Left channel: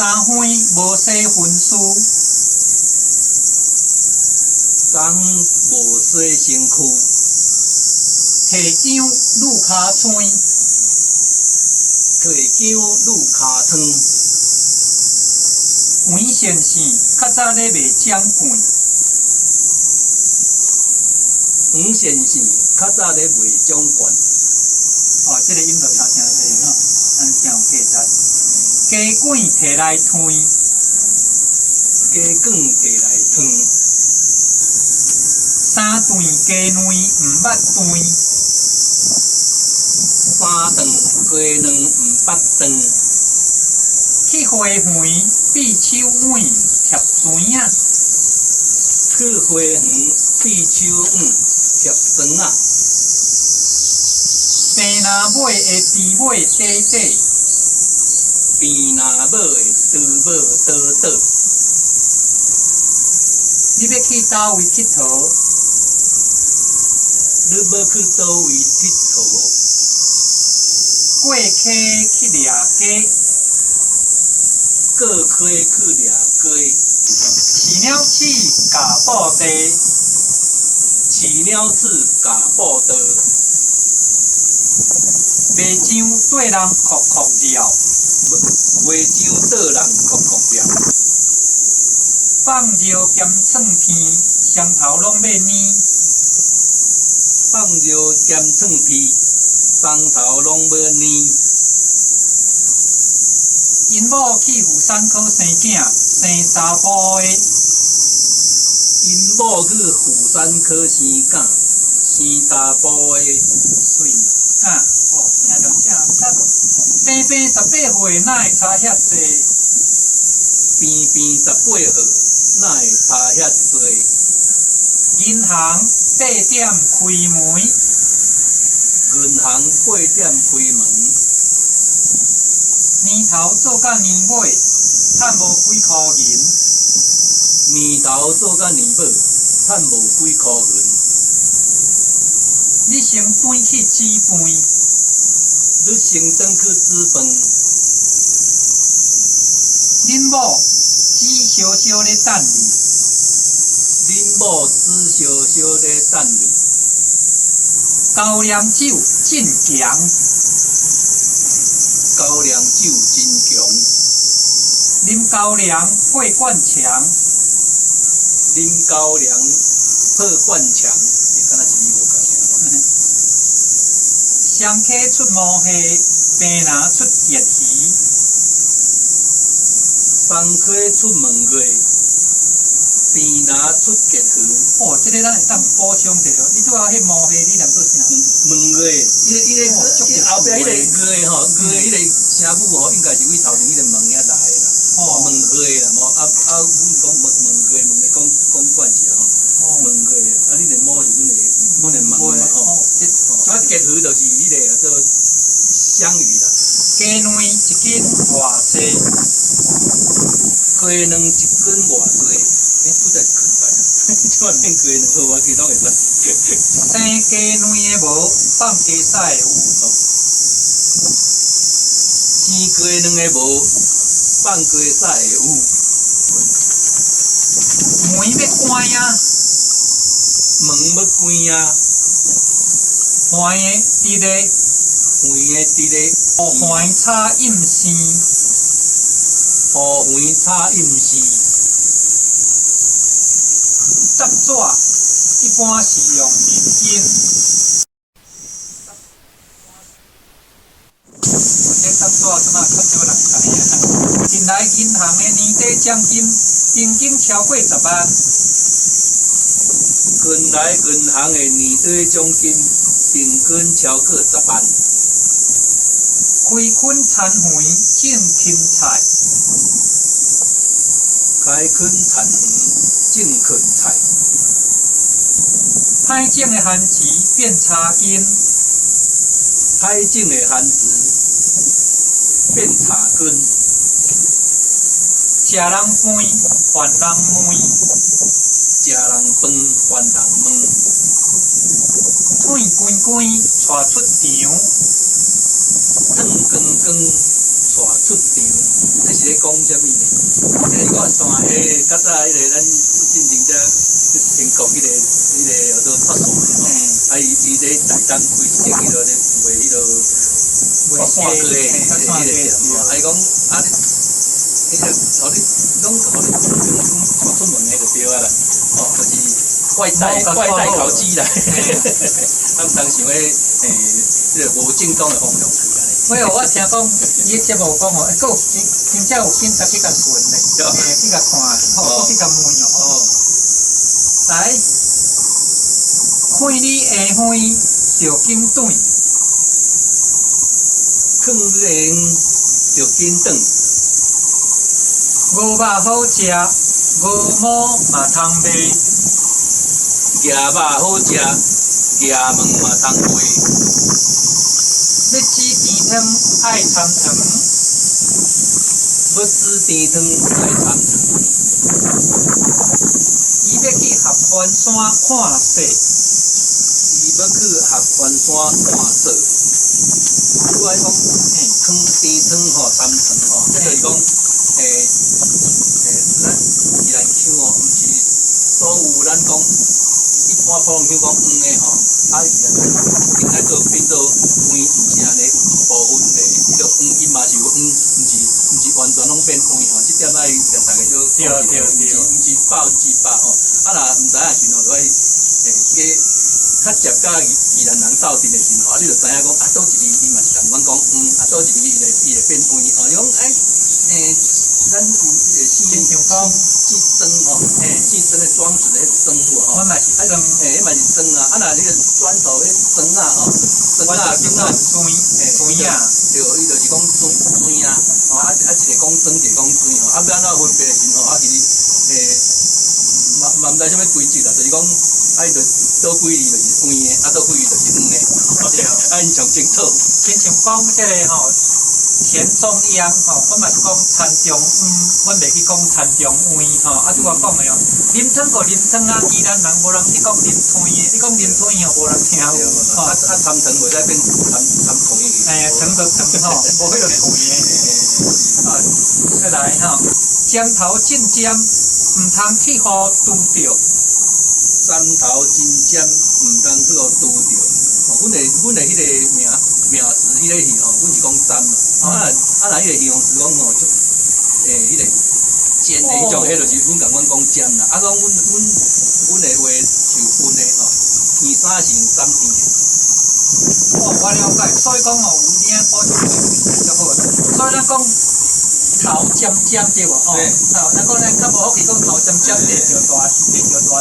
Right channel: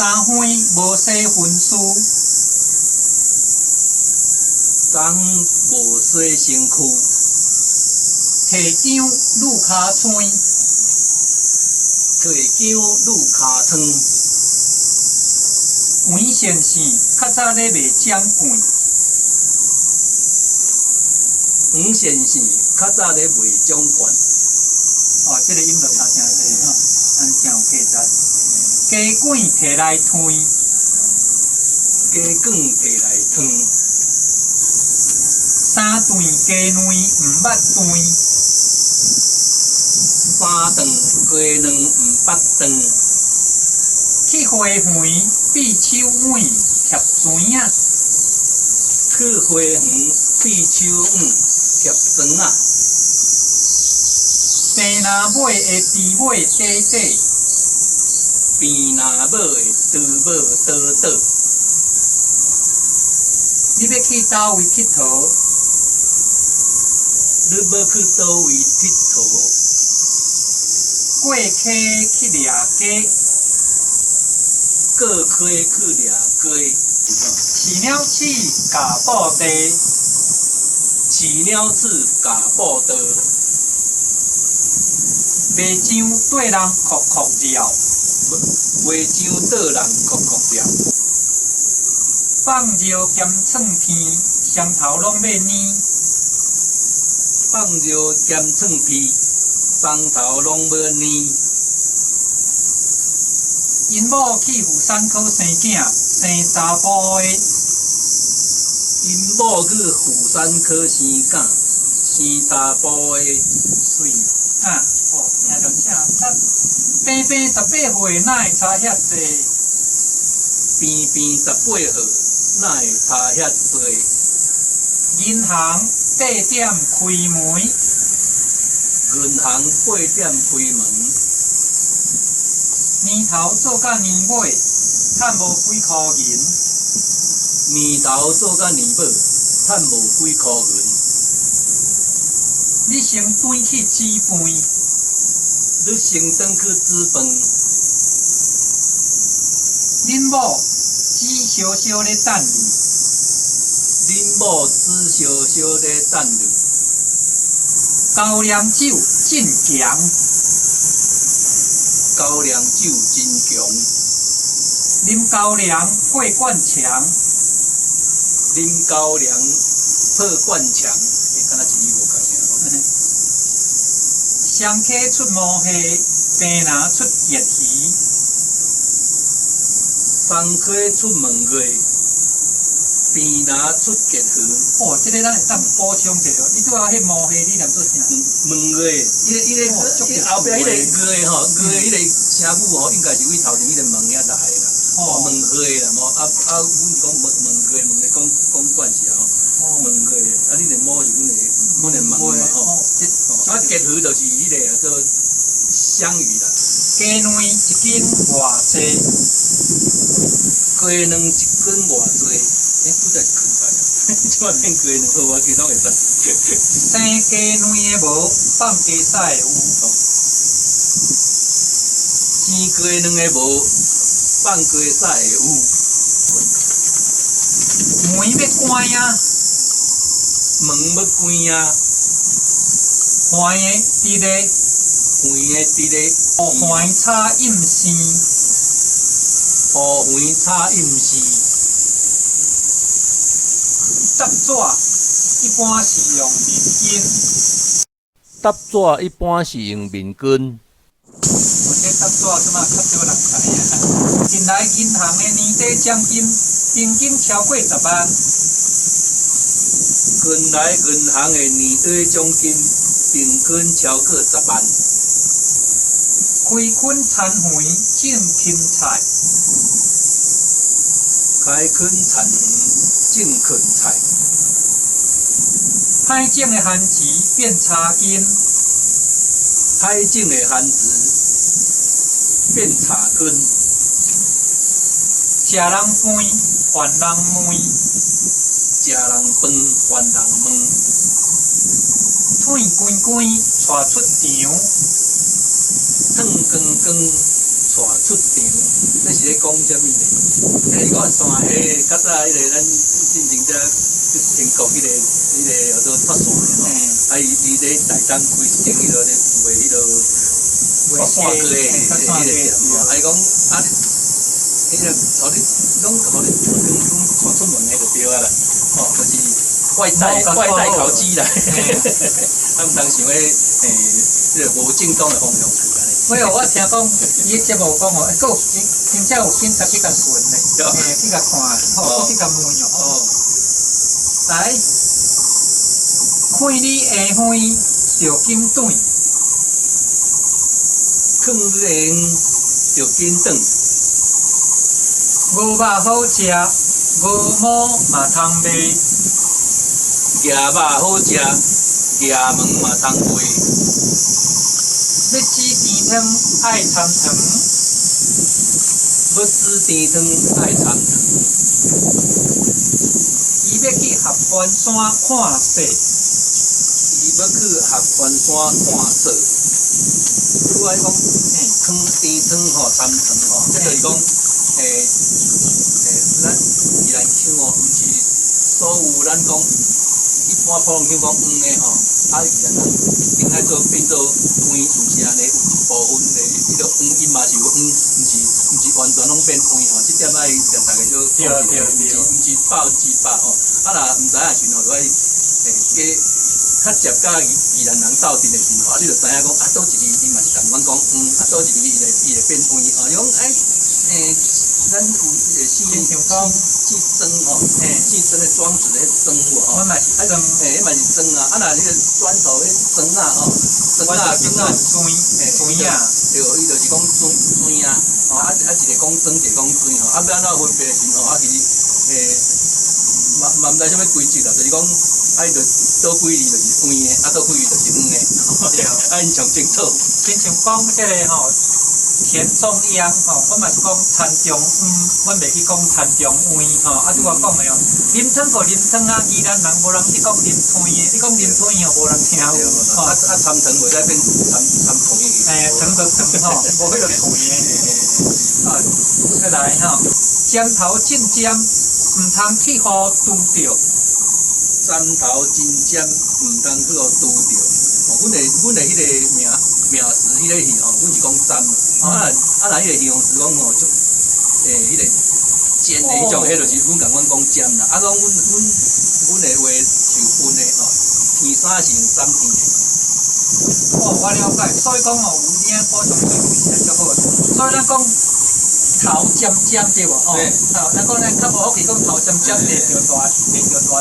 三花无洗婚事，昨无洗身躯，提姜愈骹青，提姜愈骹汤。黄先生较早咧卖姜罐，黄先生较早咧卖奖券。哦，这个音就差真济吼，咱真有价值。鸡管摕来推，鸡管摕来烫。三段鸡卵毋捌断，三顿鸡卵毋捌断。去花园闭手碗贴砖啊，去花园闭手碗贴砖啊。病若买会猪尾短短，病若买会猪尾短短。你要去倒位佚佗？你要去倒位佚佗？过溪去掠鸡，过溪去掠鸡。饲鸟鼠夹布袋，饲鸟鼠夹布袋。卖酱对人哭哭绕，卖酱倒人哭哭绕。放尿兼蒜片，双头拢要黏。放尿兼蒜片，双头拢要黏。因某去妇产科生囝，生查甫的。因某去妇产科生囝，生查甫的。水啊，哦，听着正赞。平平18岁，哪会差遐济？平平18岁，哪会差遐济？银行8点开门，银行8点开门。年头做甲年尾，趁无几箍银。年头做甲年尾，趁无几箍银。你先转去煮饭，你先转去煮饭。恁某煮烧烧咧等你。恁某煮烧烧咧等你。高粱酒真强，高粱酒真强。啉高粱过灌肠，啉高粱破灌肠。敢若一字无共尔。双溪出毛蟹，病人出热鱼。双溪出门月，病若出结鱼。哦，这个咱会当补充一下。你拄仔迄毛蟹，你念做啥？门月，伊个后壁迄个月吼，月迄个声母吼，应该是为头前迄个门遐来的啦。哦，门月啦，无阮是讲门月，问的讲惯势啊吼。门月，你个毛是阮个门嘛吼。结鱼就是迄个做香鱼啦。鸡卵一斤偌济？鸡卵一斤偌济？拄则是困在啊，即摆变鸡卵，好我其他会使。生鸡卵的无，放鸡屎的有。生鸡卵的无，放鸡屎的有。门要关啊，门要关啊。欢的伫咧，黄的伫咧。哦，欢炒饮鲜。乌黄炒饮丝。搭纸一般是用面巾。搭纸一般是用面巾。这搭纸即马较少人知啊。近来银行的年底奖金平均超过10万。近来银行的年底奖金平均超过10万。开垦田园种芹菜，开垦田园种芹菜。歹种的番薯变茶根，歹种的番薯变茶根。食人饭还人问，食人饭还人问。腿滚滚带出场，汤光光出场，这是咧讲啥物呢？乱线诶，较早迄个咱进前遮英国迄个叫做脱线的吼，啊伊咧台东开一间迄落咧卖迄落脱线过的迄个店吼，啊伊讲啊你，迄个互你拢互你传出门的就对啊啦，吼，就是外带烤鸡啦，他们当想诶迄个无正当的方向去安尼。没有，我听讲伊节目讲吼，佫有真正有警察去甲巡咧，去甲看，吼，去甲问哦。来，开你下昏就紧转，坑人就紧转，五肉好食，五毛嘛通卖，鸭肉好食，鸭毛嘛通卖。要煮甜汤爱参糖，要煮甜汤来参糖。伊要去合欢山看雪，伊要去合欢山看雪。拄仔讲，甜汤吼，参糖吼，即就是讲，咱宜兰腔哦，毋是所有咱讲一般普通腔讲黄的吼，啊宜兰人应该做变做黄，毋是安尼，有一部分迄个黄音嘛是有黄，毋是完全拢变黄吼，即点爱甲大家就讲一下，毋是100%吼，啊若毋知影时候就爱加较接甲宜兰人斗阵的时候，啊你就知影讲啊，倒一字伊嘛是同阮讲啊倒一字伊会变黄吼，你讲咱有四针吼，四针的庄子的针无吼，我嘛是装，迄嘛是针啊，啊若迄个砖头迄针啊吼，针啊，水啊，对，伊就是讲水啊，吼啊一个讲针，一个讲水吼，啊要安怎分别的时候，啊其实嘛毋知啥物规则啦，就是讲啊伊就倒几字就是黄的，啊倒几字就是黄的，啊因上清楚。亲像讲即个吼。田中央吼，我嘛是讲田中阮袂去讲田中央吼，啊拄我讲的哦，啉汤个啉汤啊，宜兰人无人去讲啉汤的，你讲啉汤吼无人听有，吼啊参糖袂使变参糖的。糖就糖吼，无迄个糖的。啊，再来吼，尖头进尖，毋通去互拄着。尖头真尖，毋通去互拄着。哦，阮的迄个名词迄个戏吼，阮是讲尖嘛。啊，若迄个形容词讲吼，就迄个尖的迄种，迄就是阮共阮讲尖啦。啊，讲阮的话就分的吼，天三是用尖天的。哦，我了解，所以讲吼，有领补充对有就好啦。所以咱讲头尖尖对无？吼，咱讲咱较无好去讲头尖尖地着大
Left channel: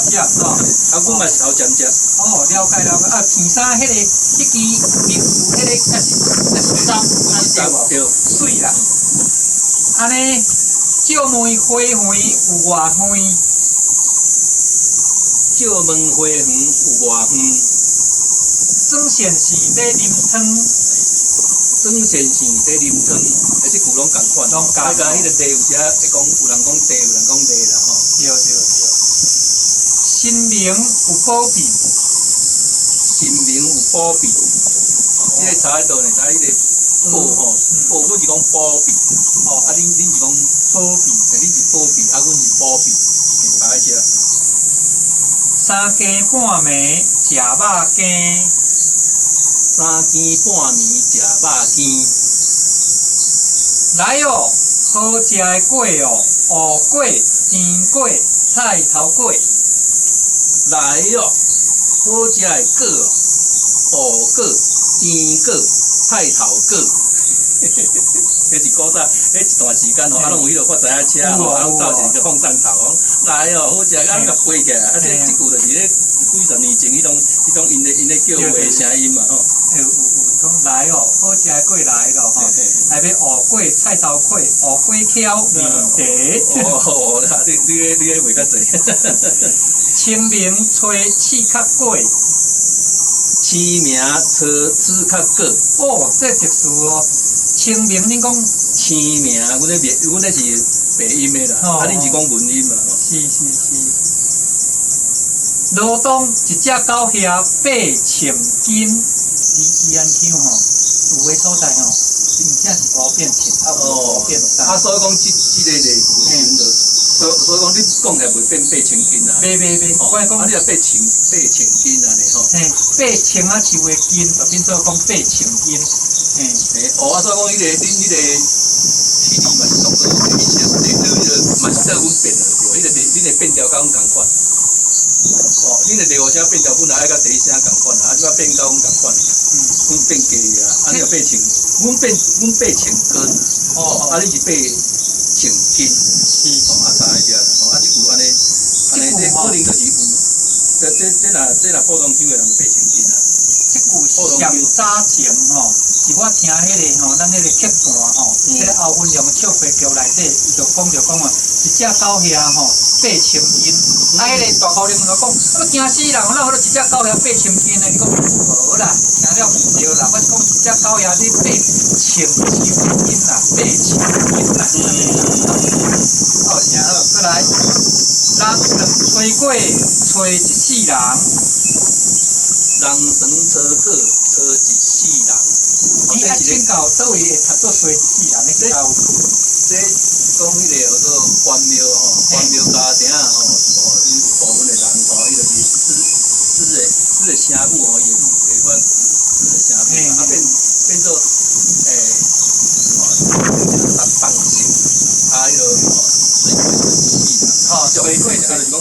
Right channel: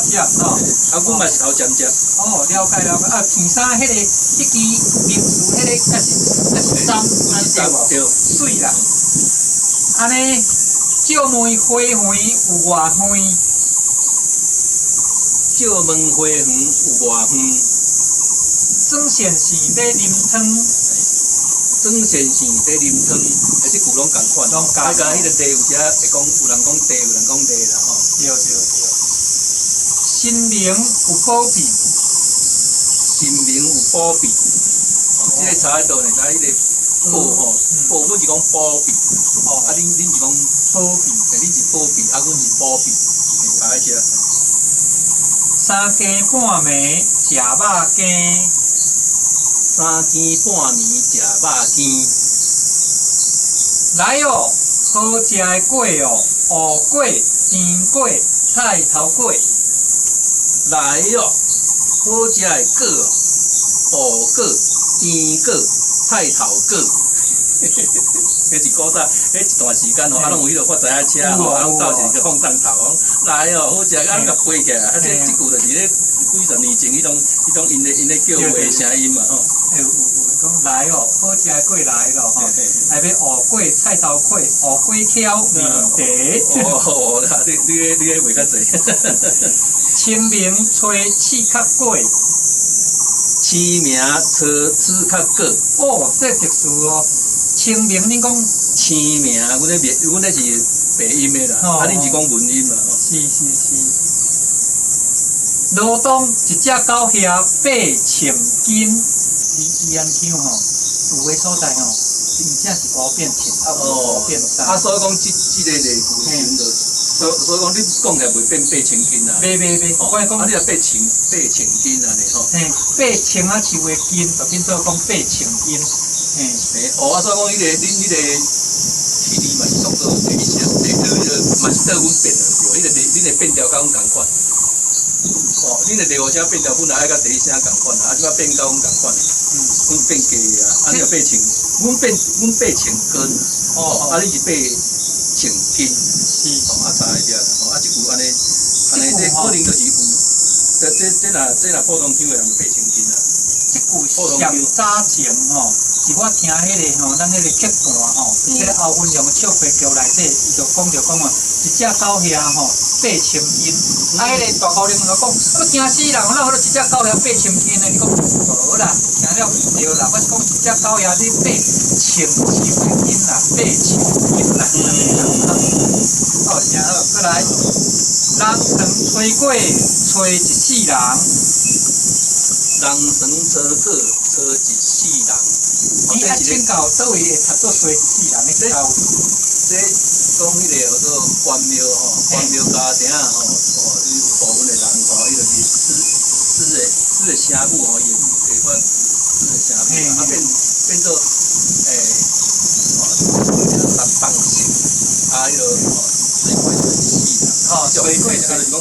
尖吼。啊，阮嘛是头尖尖。哦，了解。啊，片衫迄个迄支名词，迄个也是针，对无？对。水啦。安尼，照门花园有偌远？照门花园有偌远？庄先生要啉汤。庄先生在啉汤，即句拢共款。啊，甲迄个地有时会讲，有人讲地，有人讲地啦吼。对。心灵有保庇。心灵有保庇。即个查得到呢，查迄个保吼，保阮是讲保庇。哦，啊，恁是讲保庇，恁是保庇，啊，阮是保庇，查一下。三更半暝食肉羹，三更半暝食肉羹。来哦，好食的粿哦，芋粿、甜粿、菜头粿。来哦，好食的粿哦，芋粿、甜粿、菜头粿。迄是古早，迄一段时间吼，啊，拢有迄落发财车吼，啊，拢斗一个放上头，来哦，好食，啊，甲飞起来，啊，这句就是咧几十年前迄种因咧叫话的声音嘛吼。有讲来哦，好食的粿来咯吼，内面芋粿、菜头粿、芋粿条、面茶。哦，你个话较济。清明吹刺壳粿。清明吹刺壳粿。哦，这特殊哦。清明，恁讲清明，阮咧是白音的啦，啊，恁是讲文音啦。是。罗东一只狗遐8千斤，宜安乡吼，有诶所在吼，真正是乌变青，乌变啥？啊，所以讲这个内部的时阵，所以讲你讲起来袂变8,000斤啊。袂，我讲，啊，你若8,000斤安尼吼。嘿，8,000啊树的斤，就变做讲8,000斤，嘿。啊，所以讲迄个恁迄个体力嘛是当做一些，嘛是说阮变了对，恁的变调甲阮共款。恁的第五声变调本来爱甲第一声共款啊，即摆变甲阮共款。阮变低啊，啊你8,000，阮8,000斤，啊你是8,000斤，啊差一点啦，啊即句安尼这可能就是有，这若普通腔的人就8,000斤啊。即句上早前吼，是我听迄个吼，咱迄个客段吼，迄个后分量笑话剧内底，伊就讲讲一只狗遐吼8,000斤，啊迄个大高龄就讲，我惊死人，我一只狗遐8,000斤呢？伊讲无啦，听了毋对啦，我是讲一只狗遐你8,000斤啦，8,000斤啦。好，然后过来，人两吹过，吹一世人。人生车过，车一世人。你爱请教倒位会读做吹一世人的教？这讲迄个叫做关庙吼，关庙家庭吼，伊部分的人吼，伊就是诗的声母吼，伊会发诗的声母，啊变做放性，啊迄个水过一世人，水过就是讲